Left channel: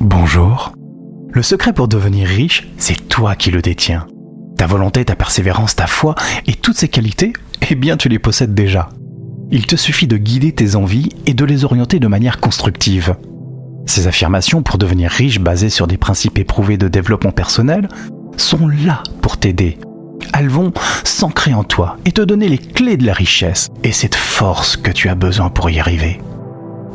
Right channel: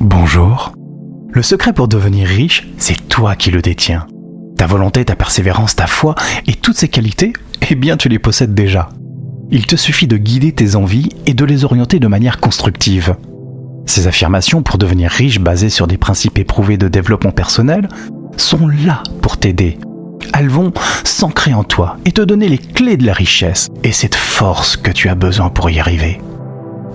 Bonjour. Le secret pour devenir riche, c'est toi qui le détiens. Ta volonté, ta persévérance, ta foi et toutes ces qualités, eh bien tu les possèdes déjà. Il te suffit de guider tes envies et de les orienter de manière constructive. Ces affirmations pour devenir riche basées sur des principes éprouvés de développement personnel sont là pour t'aider. Elles vont s'ancrer en toi et te donner les clés de la richesse et cette force que tu as besoin pour y arriver.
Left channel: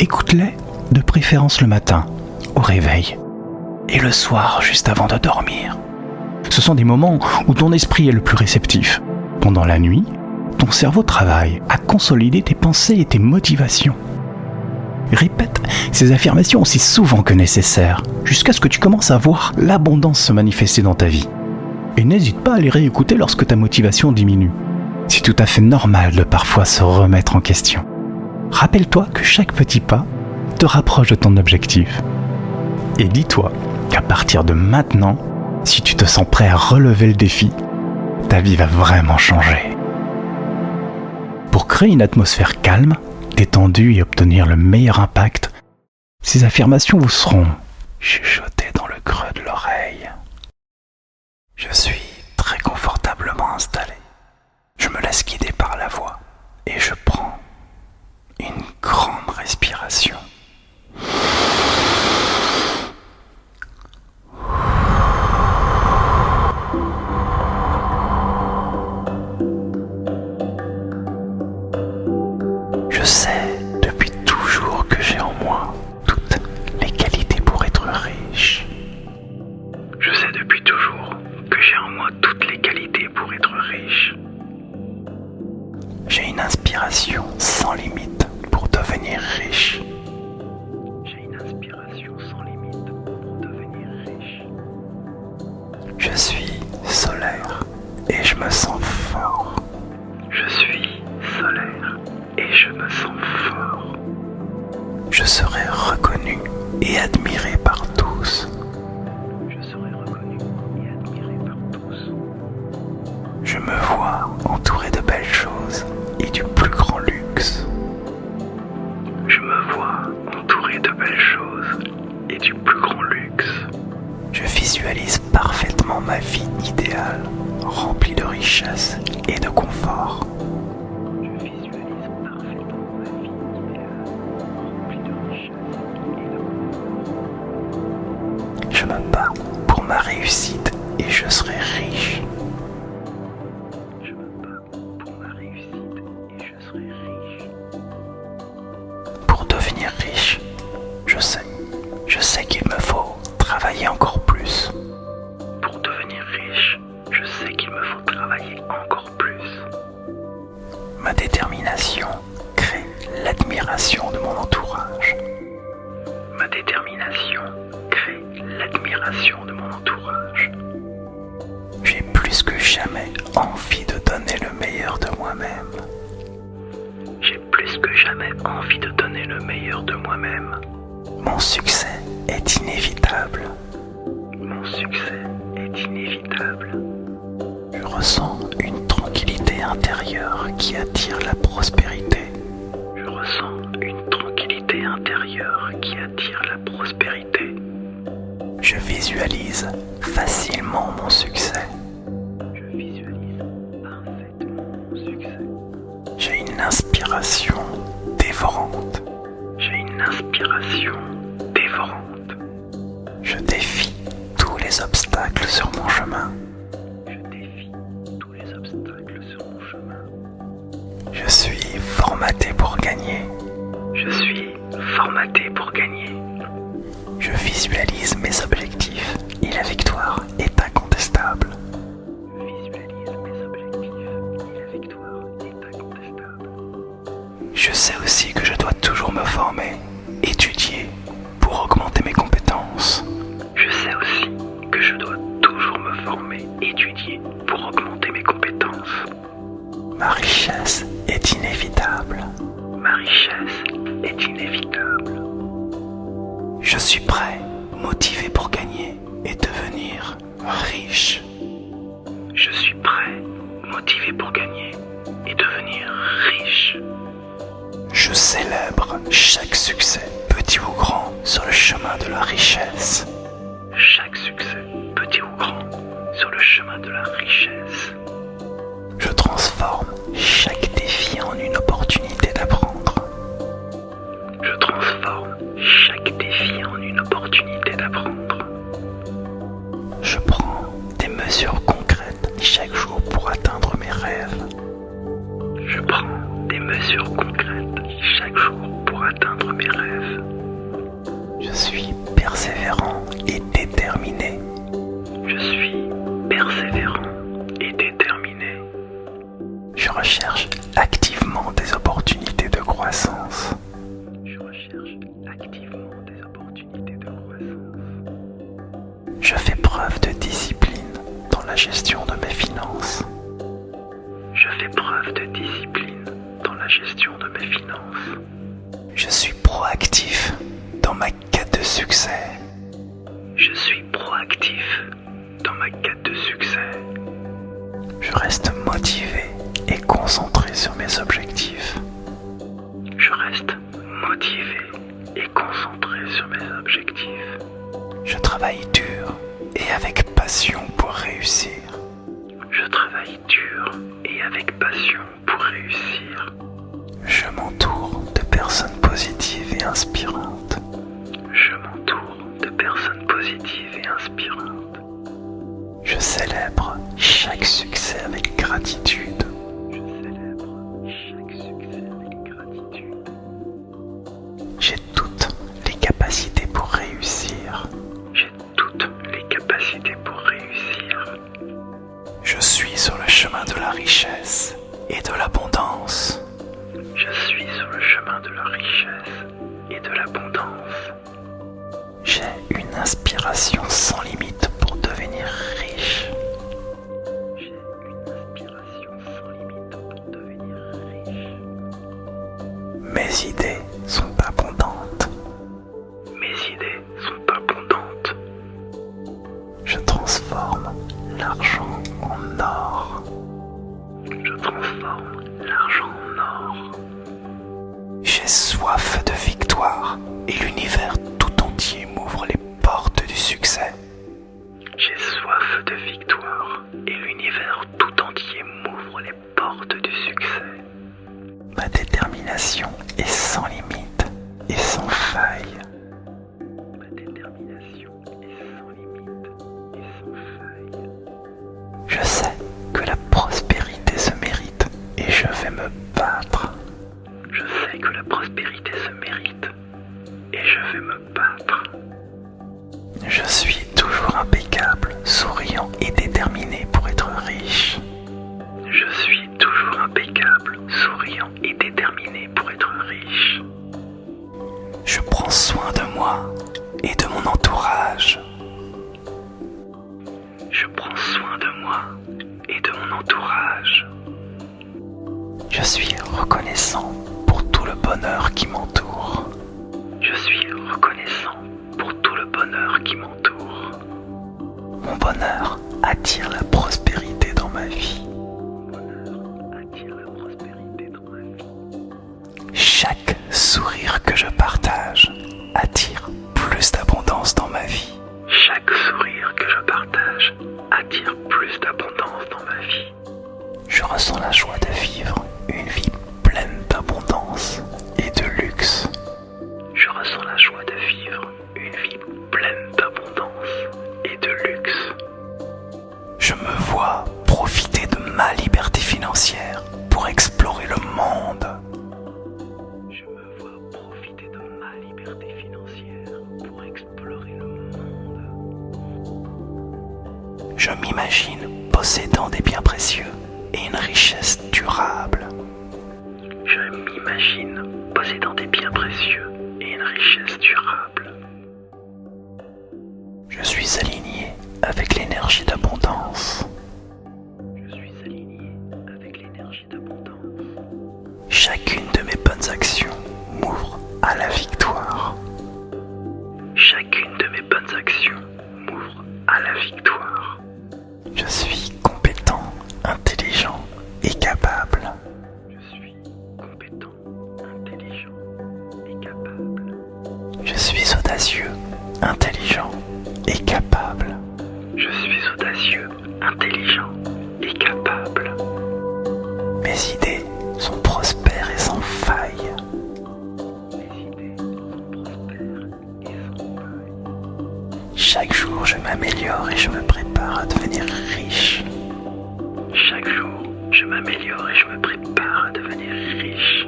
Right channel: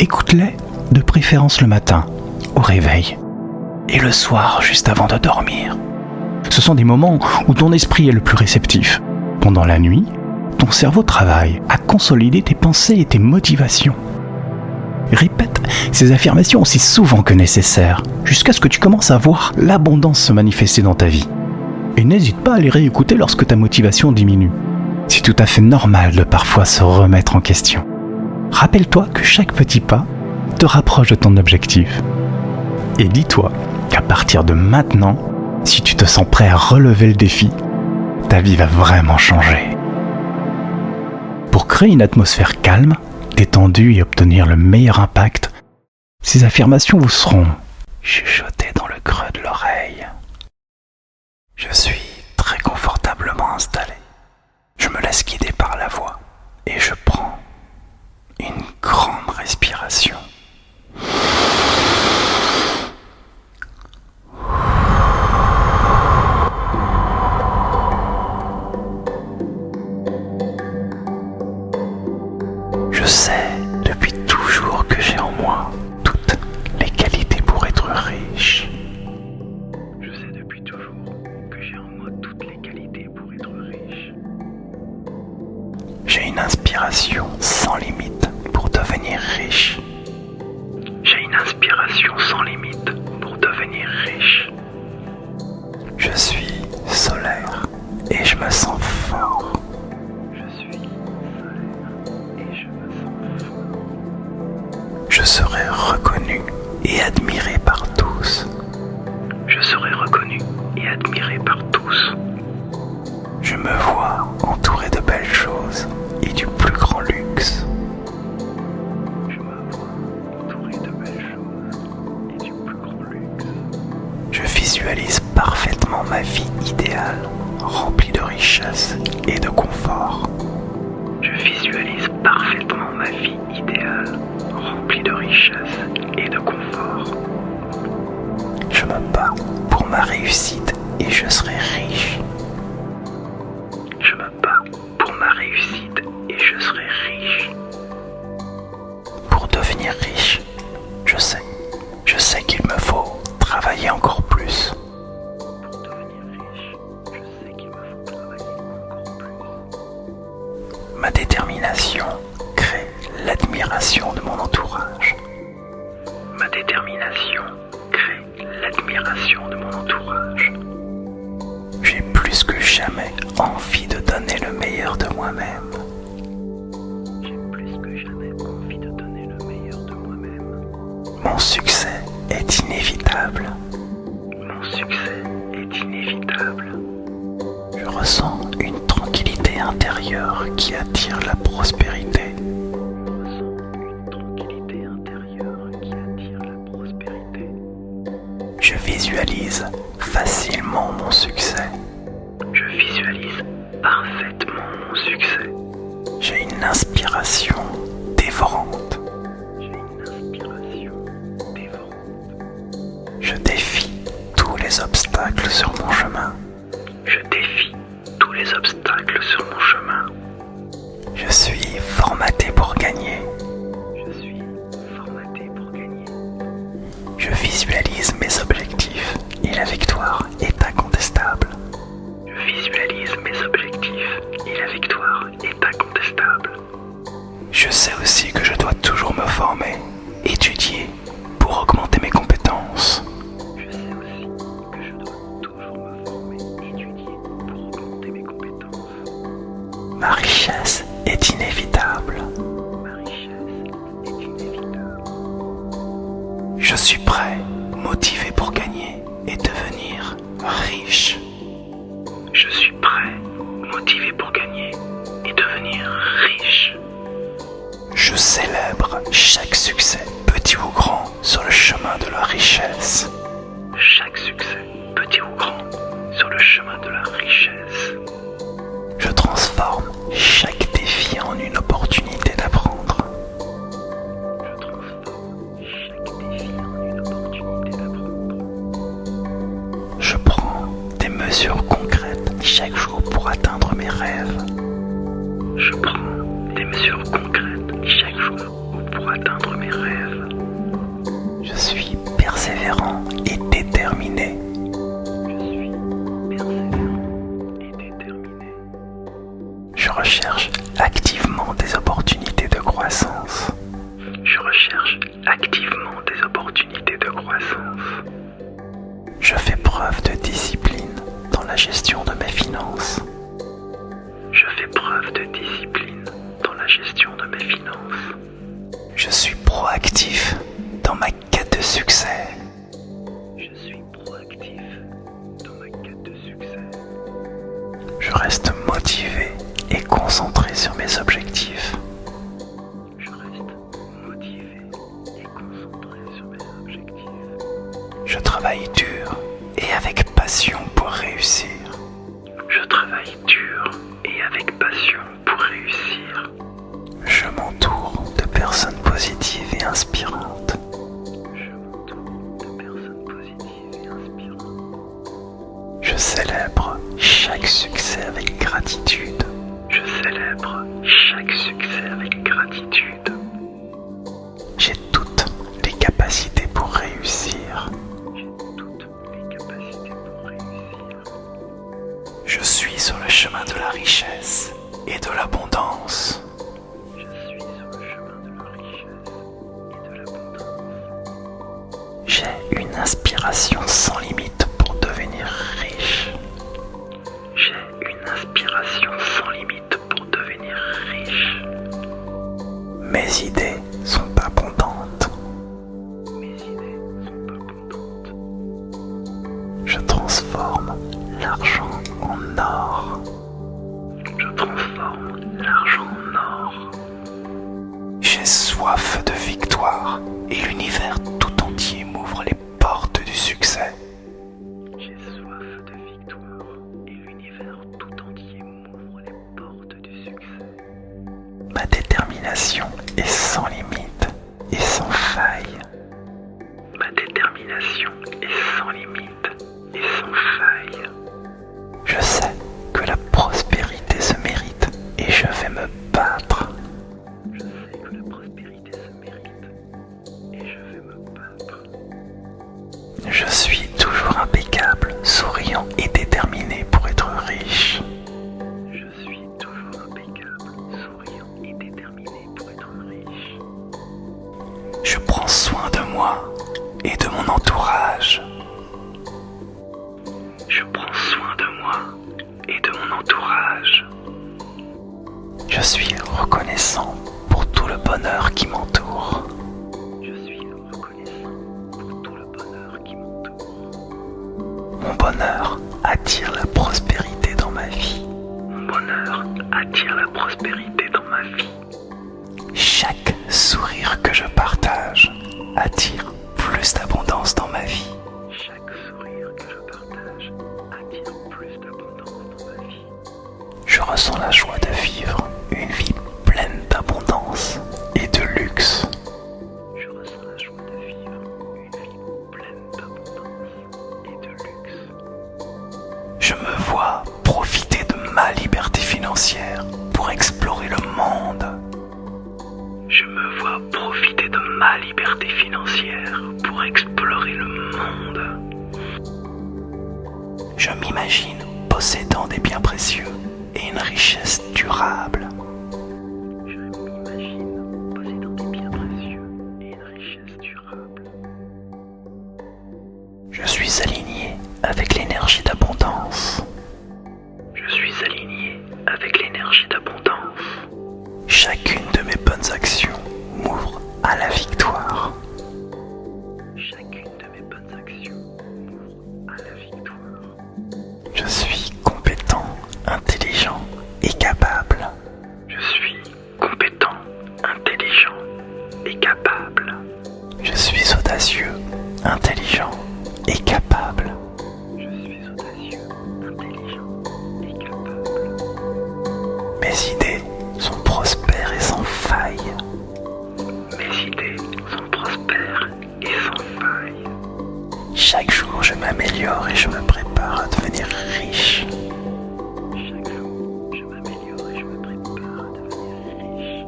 Écoute-les, de préférence le matin, au réveil, et le soir juste avant de dormir. Ce sont des moments où ton esprit est le plus réceptif. Pendant la nuit, ton cerveau travaille à consolider tes pensées et tes motivations. Répète ces affirmations aussi souvent que nécessaire, jusqu'à ce que tu commences à voir l'abondance se manifester dans ta vie. Et n'hésite pas à les réécouter lorsque ta motivation diminue. C'est tout à fait normal de parfois se remettre en question. Rappelle-toi que chaque petit pas te rapproche de ton objectif. Et dis-toi qu'à partir de maintenant, si tu te sens prêt à relever le défi, ta vie va vraiment changer. Pour créer une atmosphère calme, détendue et obtenir le meilleur impact, ces affirmations vous seront chuchotées dans le creux de l'oreille. Je suis très confortablement installé. Je me laisse guider par la voix et je prends une grande respiration. Je sais depuis toujours que j'ai en moi toutes les qualités pour être riche. Je sais depuis toujours que j'ai en moi toutes les qualités pour être riche. J'ai une inspiration sans limite pour devenir riche. J'ai une inspiration sans limite pour devenir riche. Je suis solaire et je me sens fort. Je suis solaire et je me sens fort. Je serai reconnu et admiré par tous. Je serai reconnu et admiré par tous. Je me vois entouré de belles choses et du plus grand luxe. Je me vois entouré de belles choses et du plus grand luxe. Je visualise parfaitement ma vie idéale, remplie de richesse et de confort. Je visualise parfaitement ma vie idéale, remplie de richesse et de confort. Je me bats pour ma réussite et je serai riche. Je me bats pour ma réussite et je serai riche. Pour devenir riche, je sais qu'il me faut travailler encore plus. Pour devenir riche, je sais qu'il me faut travailler encore plus. Ma détermination crée l'admiration de mon entourage. Ma détermination crée l'admiration de mon entourage. J'ai plus que jamais envie de donner le meilleur de moi-même. J'ai plus que jamais envie de donner le meilleur de moi-même. Mon succès est inévitable. Mon succès est inévitable. Je ressens une tranquillité intérieure qui attire la prospérité. Je ressens une tranquillité intérieure qui attire la prospérité. Je visualise facilement mon succès. Je visualise parfaitement mon succès. J'ai une inspiration dévorante. J'ai une inspiration dévorante. Je défie tous les obstacles sur mon chemin. Je défie tous les obstacles sur mon chemin. Je suis formaté pour gagner. Je suis formaté pour gagner. Je visualise mes objectifs et la victoire est incontestable. Je visualise mes objectifs et la victoire est incontestable. Je sais aussi que je dois toujours me former, étudier pour augmenter mes compétences. Je sais aussi que je dois toujours me former, étudier pour augmenter mes compétences. Ma richesse est inévitable. Ma richesse est inévitable. Je suis prêt, motivé pour gagner et devenir riche. Je suis prêt, motivé pour gagner et devenir riche. Je célèbre chaque succès, petit ou grand, sur le chemin de la richesse. mesures concrètes chaque jour pour atteindre mes rêves. Je prends des mesures concrètes chaque jour pour atteindre mes rêves. Je suis persévérant et déterminé. Je suis persévérant et déterminé. Je recherche activement des opportunités de croissance. Je recherche activement des opportunités de croissance. Je fais preuve de discipline dans la gestion de mes finances. Je fais preuve de discipline dans la gestion de mes finances. Je suis proactif dans ma quête de succès. Je suis proactif dans ma quête de succès. Je reste motivé et concentré sur mes objectifs. Je reste motivé et concentré sur mes objectifs. Je travaille dur et avec passion pour réussir. Je travaille dur et avec passion pour réussir. Je m'entoure de personnes positives et inspirantes. Je m'entoure de personnes positives et inspirantes. Je célèbre chaque succès avec gratitude. Je célèbre chaque succès avec gratitude. J'ai toutes les capacités pour réussir. J'ai toutes les capacités pour réussir. Je suis sur le chemin de la richesse et de l'abondance. Je suis sur le chemin de la richesse et de l'abondance. J'ai une inspiration sans limite pour devenir riche. J'ai une inspiration sans limite pour devenir riche. Mes idées sont abondantes. Mes idées sont abondantes. Je transforme l'argent en or. Je transforme l'argent en or. J'ai soif de victoire et l'univers tout entier m'ouvre les portes du succès. J'ai soif de victoire et l'univers tout entier m'ouvre les portes du succès. Ma détermination est sans limite et sans faille. Ma détermination est sans limite et sans faille. Je sais que la prospérité se mérite et je vais me battre. Je sais que la prospérité se mérite et je vais me battre. Je suis toujours impeccable, souriant et déterminé pour être riche. Je suis toujours impeccable, souriant et déterminé pour être riche. Je prends soin de moi et de mon entourage. Je prends soin de moi et de mon entourage. Je suis reconnaissant pour tout le bonheur qui m'entoure. Je suis reconnaissant pour tout le bonheur qui m'entoure. Mon bonheur attire la prospérité dans ma vie. Mon bonheur attire la prospérité dans ma vie. Chaque sourire que je partage attire plus d'abondance dans ma vie. Chaque sourire que je partage attire plus d'abondance dans ma vie. Je ressens la joie de vivre une vie pleine d'abondance et de luxe. Je ressens la joie de vivre une vie pleine d'abondance et de luxe. Je me vois profiter de ma liberté financière pour explorer le monde. Je me vois profiter de ma liberté financière pour explorer le monde. Je m'imagine possédant des biens précieux et une richesse durable. Je m'imagine possédant des biens précieux et une richesse durable. Je suis aligné avec l'énergie d'abondance. Je suis aligné avec l'énergie d'abondance. Chacune de mes bonnes actions m'ouvre à la victoire. Chacune de mes bonnes actions m'ouvre à la victoire. Je suis compétent, intelligent et capable. Je suis compétent, intelligent et capable. Je suis audacieux, intelligent et capable. Je suis audacieux, intelligent et capable. Mes idées sont prospères et sans faille. Mes idées sont prospères et sans faille. Chaque jour, je m'améliore et je me prépare prépare à devenir riche. Chaque jour, je m'améliore et je me prépare à devenir riche.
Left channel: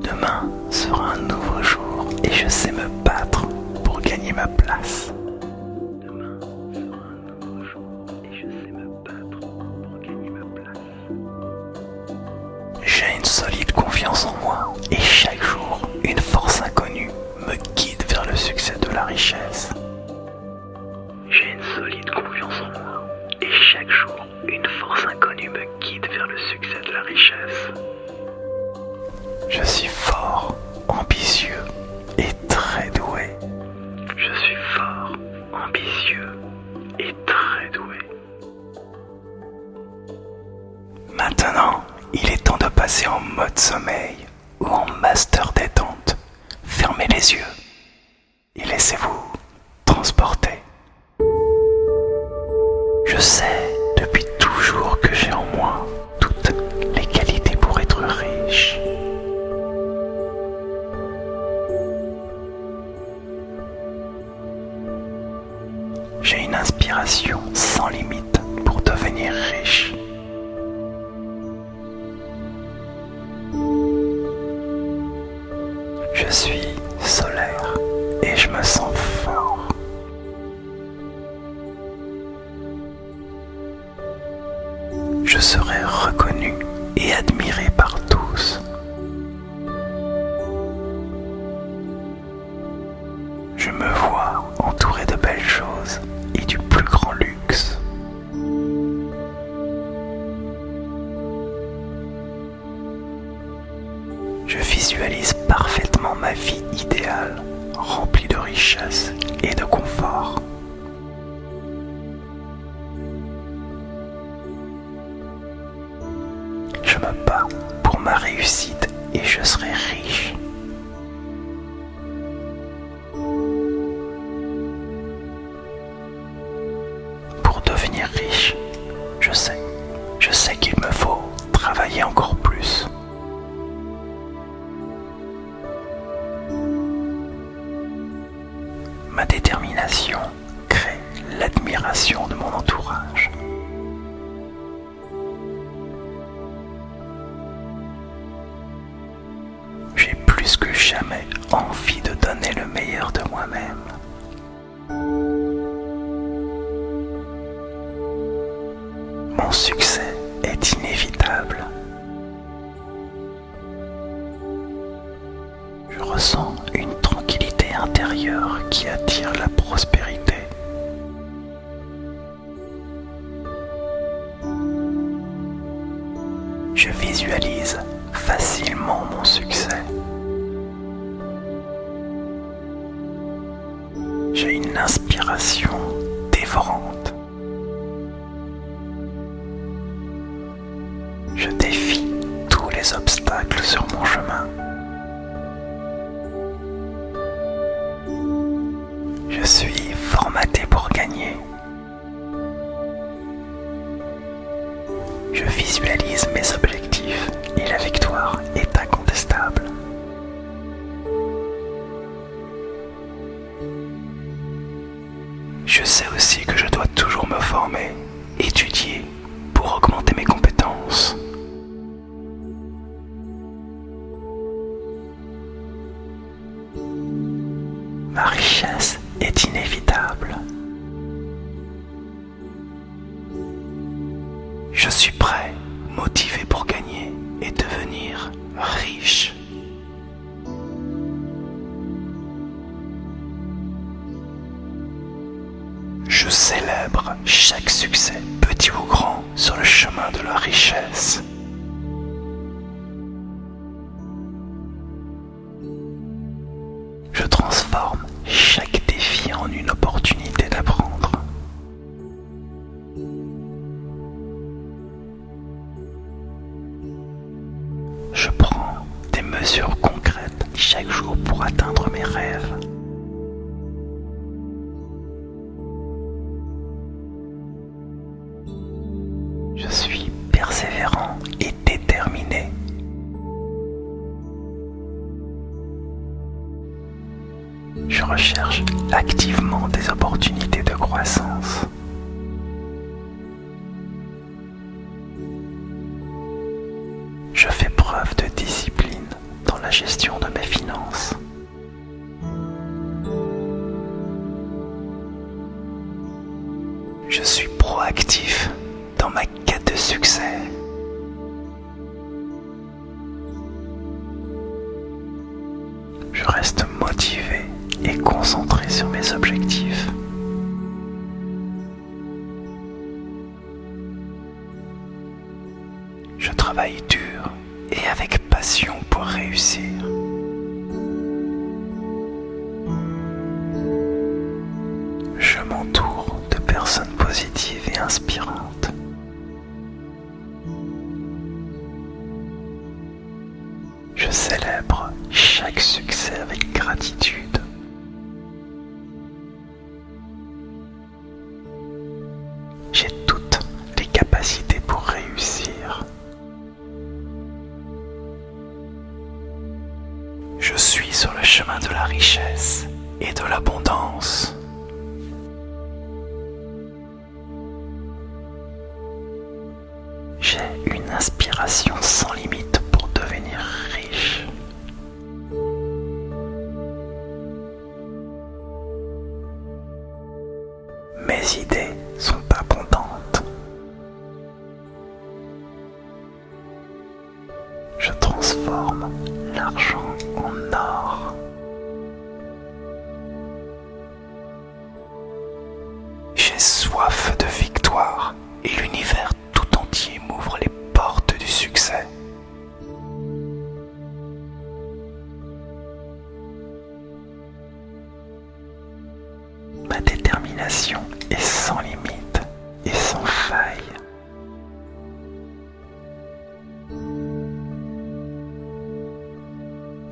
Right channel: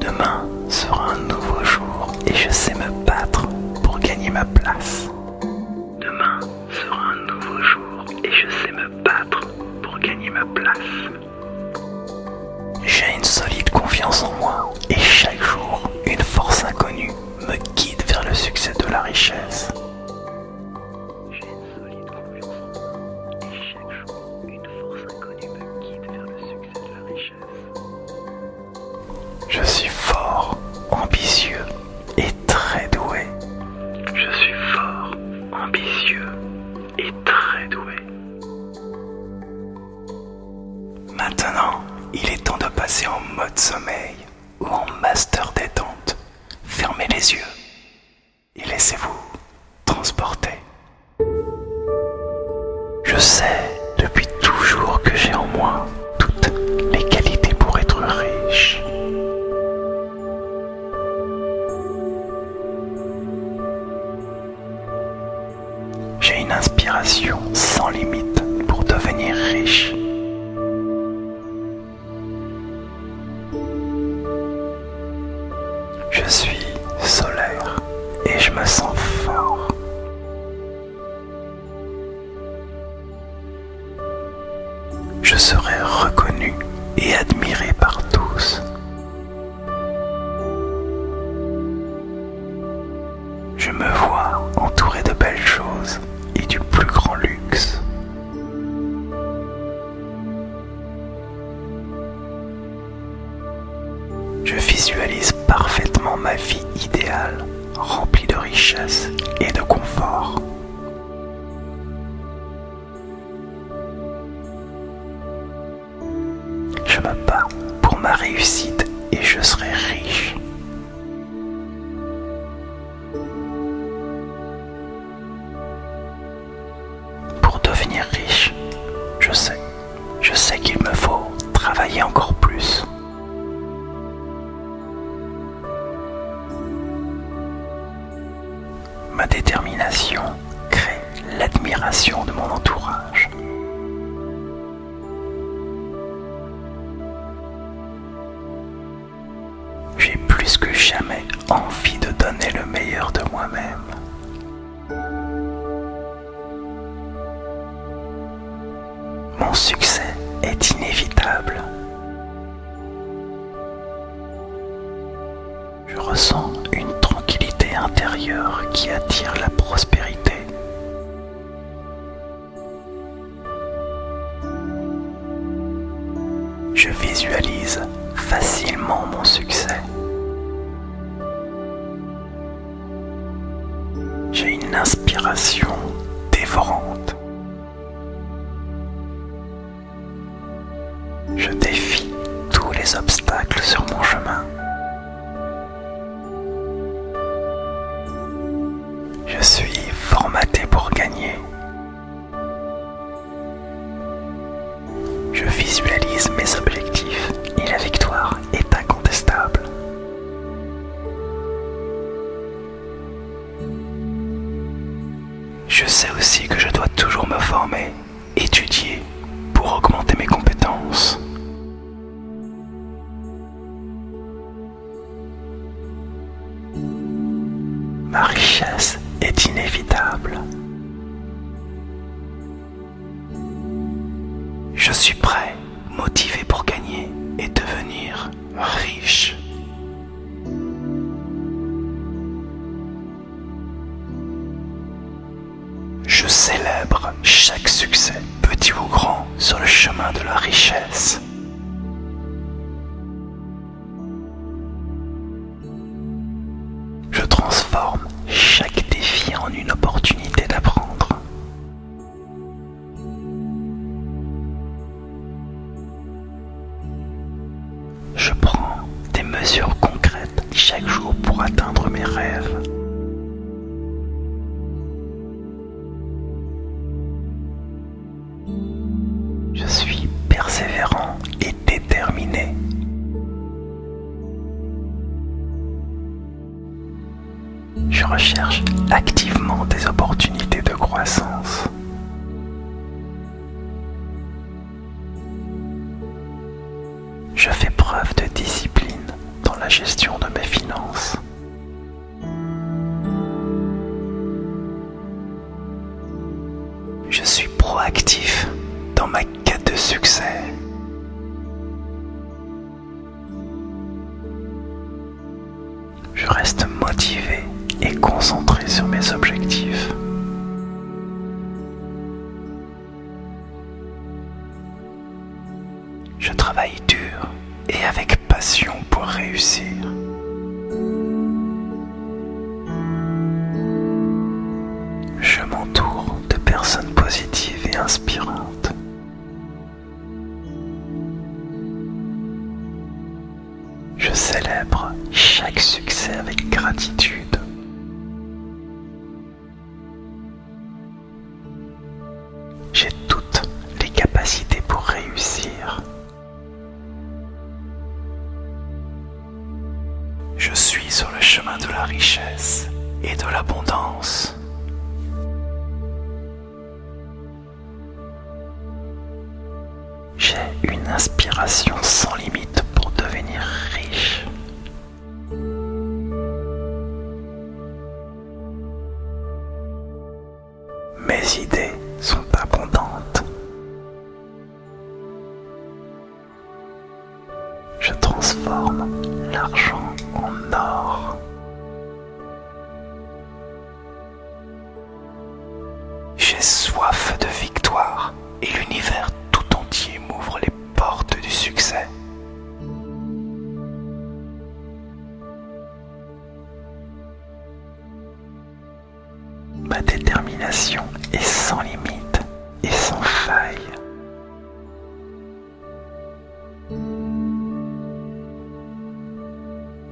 Demain sera un nouveau jour et je sais me battre pour gagner ma place. Demain sera un nouveau jour et je sais me battre pour gagner ma place. J'ai une solide confiance en moi et chaque jour, une force inconnue me guide vers le succès de la richesse. J'ai une solide confiance en moi et chaque jour, une force inconnue me guide vers le succès de la richesse. Je suis fort, ambitieux et très doué. Je suis fort, ambitieux et très doué. Maintenant, il est temps de passer en mode sommeil ou en master détente. Fermez les yeux et laissez-vous transporter. Je sais depuis toujours que j'ai en moi toutes les qualités pour être riche. J'ai une inspiration sans limite pour devenir riche. Je suis solaire et je me sens fort. Je serai reconnu et admiré par tous. Je me vois entouré de belles choses et du plus grand luxe. Je visualise parfaitement ma vie idéale, remplie de richesse et de confort. Je me bats pour ma réussite et je serai riche. Pour devenir riche, je sais qu'il me faut travailler encore plus. Ma détermination crée l'admiration de mon entourage. J'ai plus que jamais envie de donner le meilleur de moi-même. Mon succès est inévitable. Je ressens une tranquillité intérieure qui attire la prospérité. Je visualise facilement mon succès. J'ai une inspiration dévorante. Je défie tous les obstacles sur mon chemin. Je suis formaté pour gagner. Je visualise mes objectifs et la victoire est incontestable. Je sais aussi que je dois toujours me former, étudier pour augmenter mes compétences. Ma richesse est inévitable. Je suis prêt, motivé pour gagner et devenir riche. Je célèbre chaque succès, petit ou grand, sur le chemin de la richesse. Je transforme chaque défi en une opportunité d'apprendre. Je prends des mesures concrètes chaque jour pour atteindre mes rêves. Je suis persévérant et déterminé. Je recherche activement des opportunités de croissance Je suis proactif dans ma quête de succès. Je reste motivé et concentré sur mes objectifs. Je travaille dur et avec passion pour réussir. Je m'entoure de personnes positives et inspirantes. Je célèbre chaque succès avec gratitude. J'ai toutes les capacités pour réussir. Je suis sur le chemin de la richesse et de l'abondance. J'ai une inspiration sans limite pour devenir riche. Mes idées sont abondantes. Je transforme l'argent en or. J'ai soif de victoire et l'univers tout entier m'ouvre les portes du succès. Ma détermination est sans limite et sans faille.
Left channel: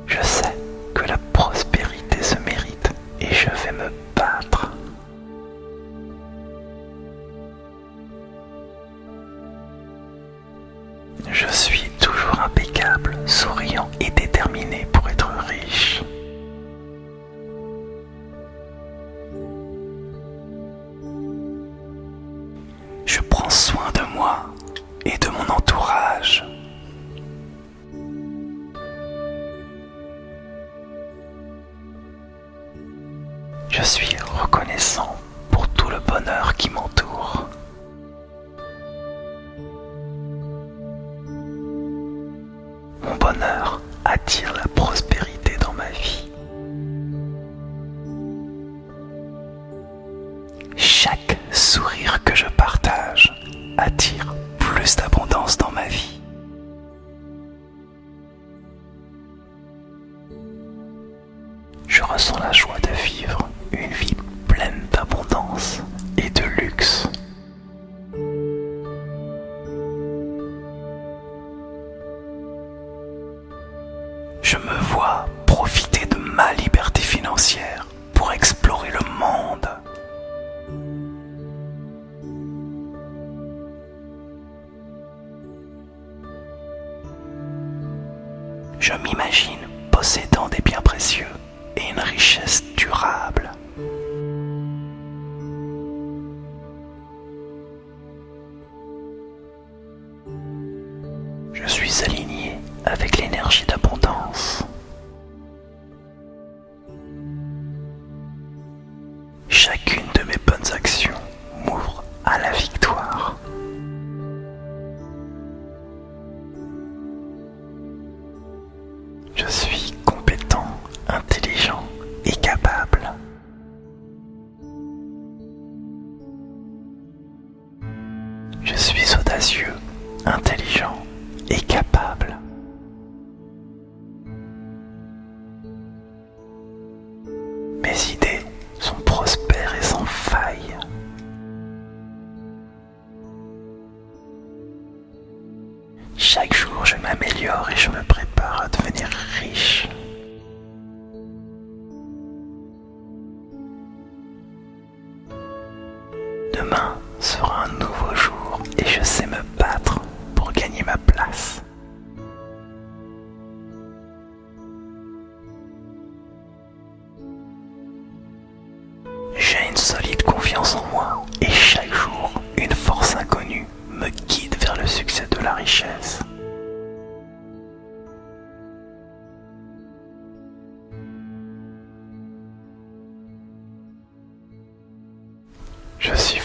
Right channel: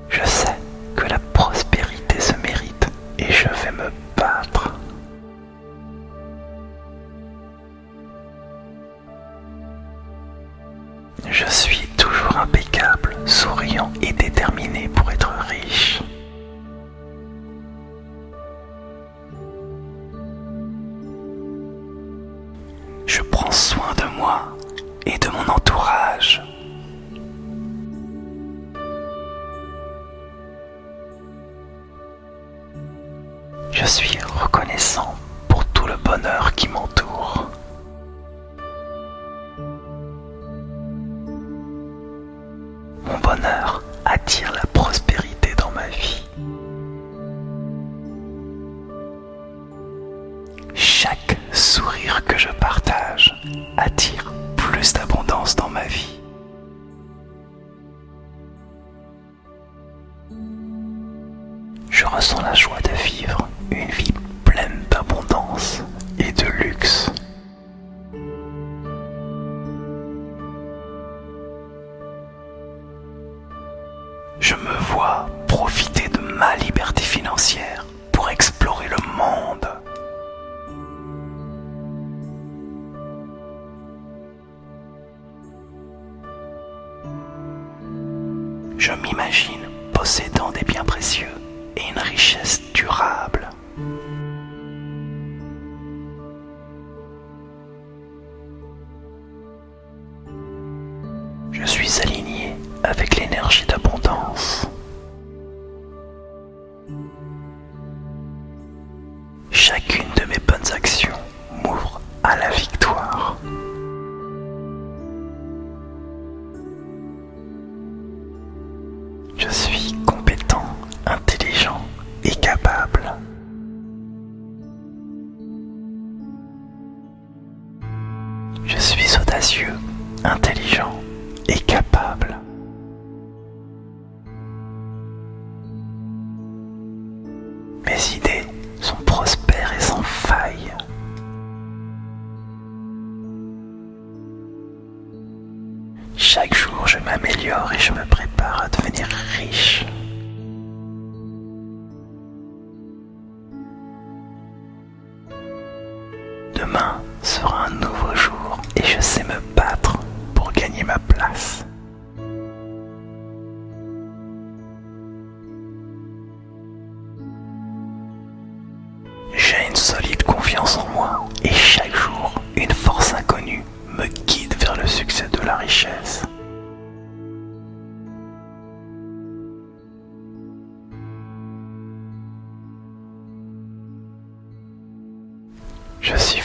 Je sais que la prospérité se mérite et je vais me battre. Je suis toujours impeccable, souriant et déterminé pour être riche. Je prends soin de moi et de mon entourage. Je suis reconnaissant pour tout le bonheur qui m'entoure. Mon bonheur attire la prospérité dans ma vie. Chaque sourire que je partage attire plus d'abondance dans ma vie. Je ressens la joie de vivre une vie pleine d'abondance et de luxe. Je me vois profiter de ma liberté financière pour explorer le monde. Je m'imagine possédant des biens précieux et une richesse durable. Je suis aligné avec l'énergie d'abondance. Chacune de mes bonnes actions m'ouvre à la victoire. Je suis compétent, intelligent et capable. Je suis audacieux, intelligent et capable. Mes idées sont prospères et sans faille. Chaque jour, je m'améliore et je me prépare à devenir riche. Demain sera un nouveau jour et je sais me battre pour gagner ma place. J'ai une solide confiance en moi et chaque jour, une force inconnue me guide vers le succès de la richesse. Je suis